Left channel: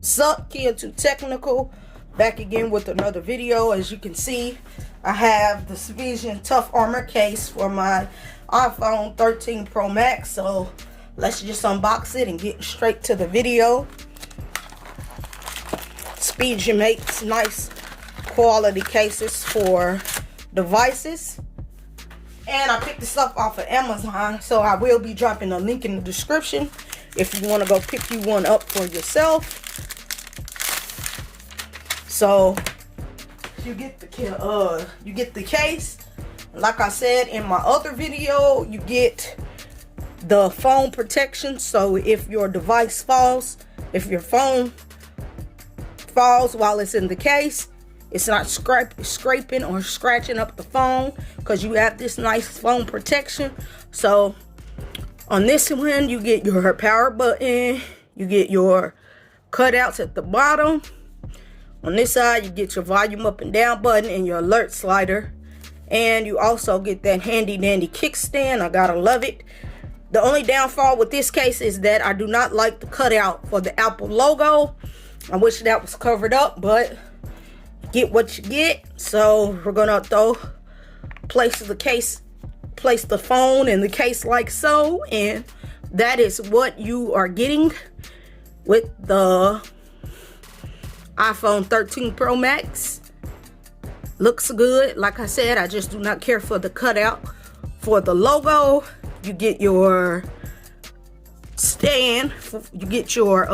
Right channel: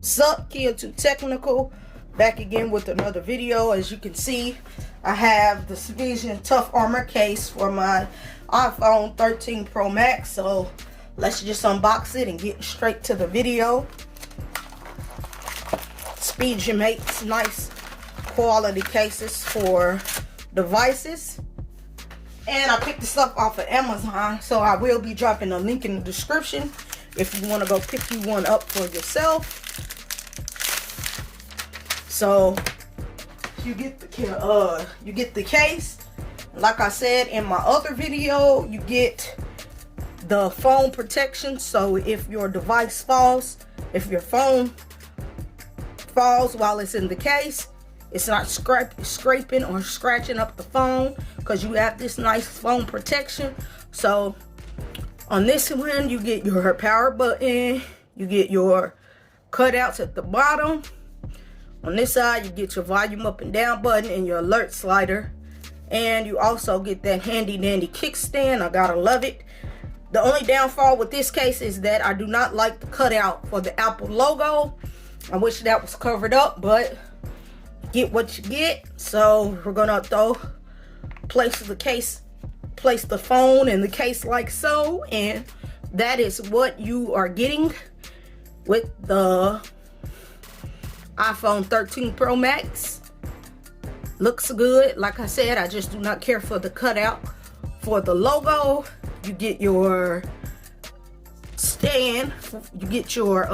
Sup, kid too technical, back again with another video. As you can see, I have the Spigen Tuogh armor case for my iPhone 13 Pro Max. So let's just unbox it and get straight to the video. Spigen makes nice quality cases for devices, and I picked this up off of Amazon, so I will be dropping a link in the description if you want to go pick you one up for yourself. So you get the case. Like I said in my other video, you get the phone protection. So if your device falls, if your phone falls while it's in the case, it's not scraping or scratching up the phone, because you have this nice phone protection. So on this one, you get your power button, you get your cutouts at the bottom. On this side, you get your volume up and down button and your alert slider. And you also get that handy dandy kickstand. I gotta love it. The only downfall with this case is that I do not like the cutout for the Apple logo. I wish that was covered up, but get what you get. So we're gonna place the phone in the case like so, and that is what you are getting with the iPhone 13 Pro Max. Looks good. Like I said, I just do not care for the cutout for the logo. You get your stand, you get your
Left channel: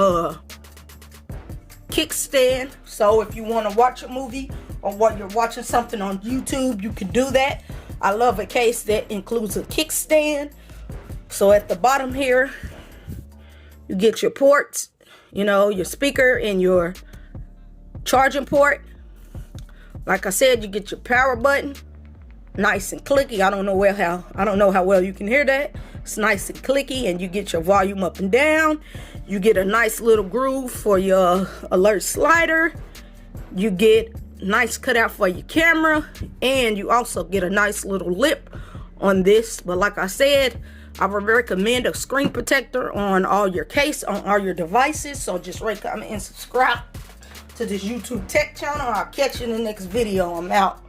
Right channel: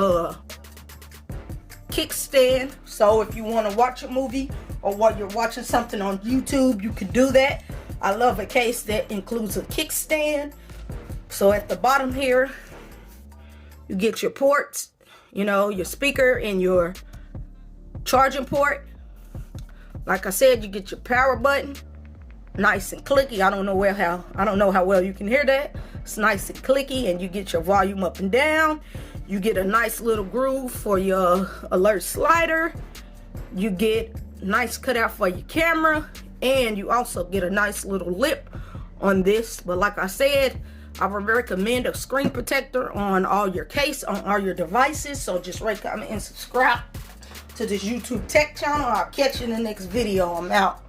kickstand, so if you want to watch a movie or while you're watching something on YouTube, you can do that. I love a case that includes a kickstand. So at the bottom here, you get your ports, your speaker and your charging port. Like I said, you get your power button, nice and clicky. I don't know how well you can hear that. It's nice and clicky, and you get your volume up and down. You get a nice little groove for your alert slider. You get nice cutout for your camera, and you also get a nice little lip on this. But like I said, I would recommend a screen protector on all your devices. So just rate, comment, and subscribe to this YouTube tech channel. I'll catch you in the next video. I'm out.